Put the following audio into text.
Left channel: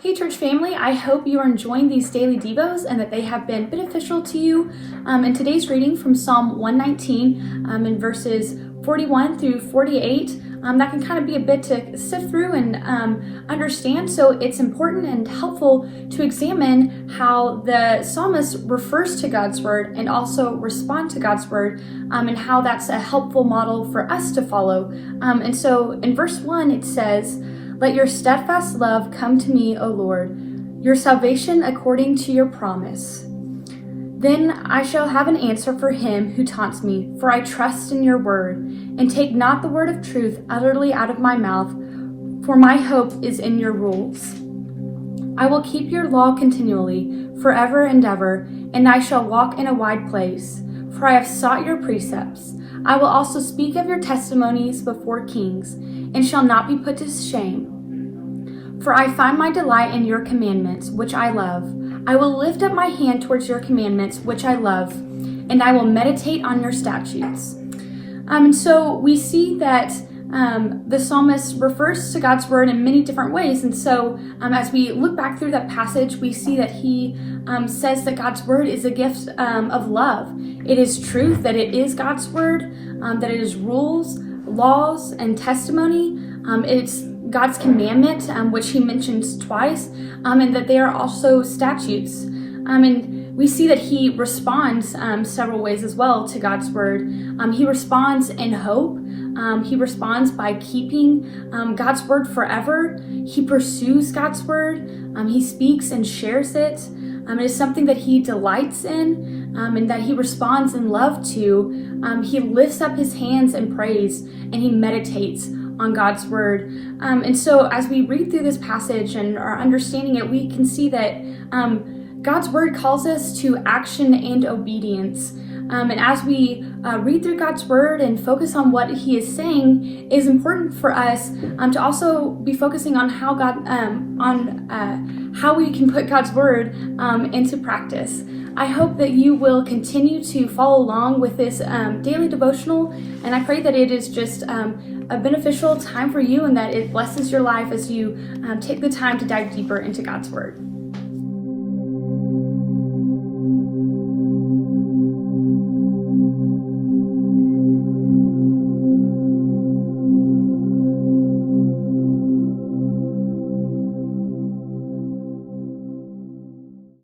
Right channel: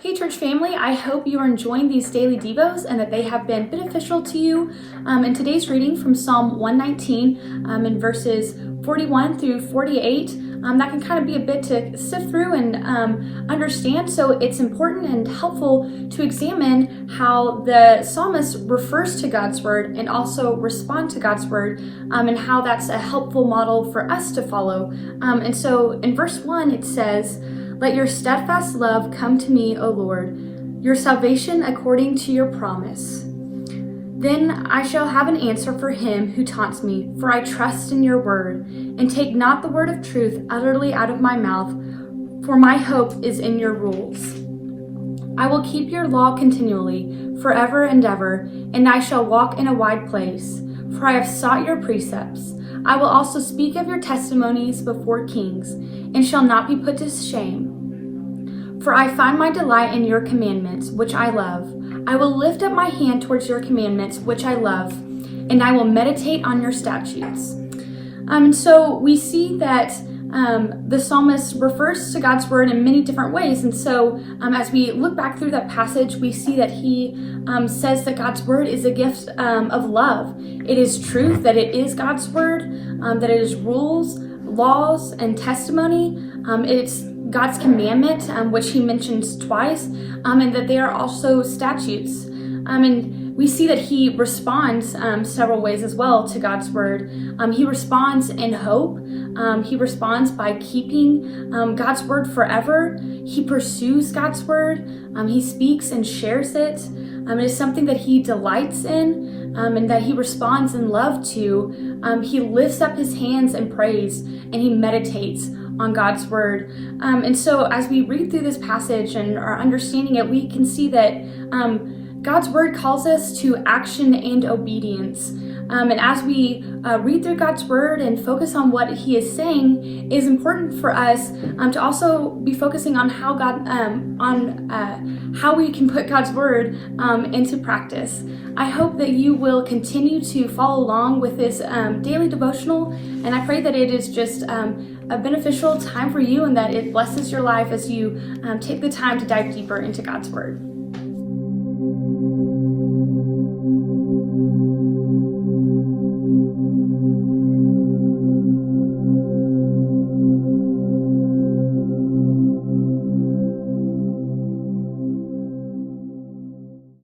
Hey church family, I hope you are enjoying these daily devos and that they have been beneficial to you. In today's reading from Psalm 119 in verses 41 through 48, that can kind of be a bit to sift through and understand. So it's important and helpful to examine how the psalmist refers to God's word and also respond to God's word, and how that's a helpful model for us to follow. And so in verse 1 it says, "Let your steadfast love come to me, O Lord, your salvation according to your promise. Then I shall have an answer for him who taunts me, for I trust in your word, and take not the word of truth utterly out of my mouth, for my hope is in your rules. I will keep your law continually, forever and ever, and I shall walk in a wide place, for I have sought your precepts. I will also speak of your testimonies before kings, and shall not be put to shame. For I find my delight in your commandments, which I love. I will lift up my hand towards your commandments, which I love, and I will meditate on your statutes." And so we see that the psalmist refers to God's word in many different ways. And so as we look back through that passage, we see that he says that God's word is a gift of love. It is truth, that it is God's word, that it is rules, laws, and testimony. It's God's commandment, which he mentions twice, and that they are also statutes. And we see that he responds several ways as well to God's word. He responds in hope. He responds by keeping God's word forever. He pursues God's word. He speaks and shares it. It is something that he delights in, and that he responds in love to. He lifts up his hands in praise, and he meditates on God's word. And so as we read through this passage and are understanding it, we can see that God's word calls us to action and obedience. And as we read through God's word and focus on what he is saying, it is important for us to also be focusing on how how we can put God's word into practice. I hope that you will continue to follow along with this daily devotional, and I pray that it is just a beneficial time for you and that it blesses your life as you take the time to dive deeper into God's word.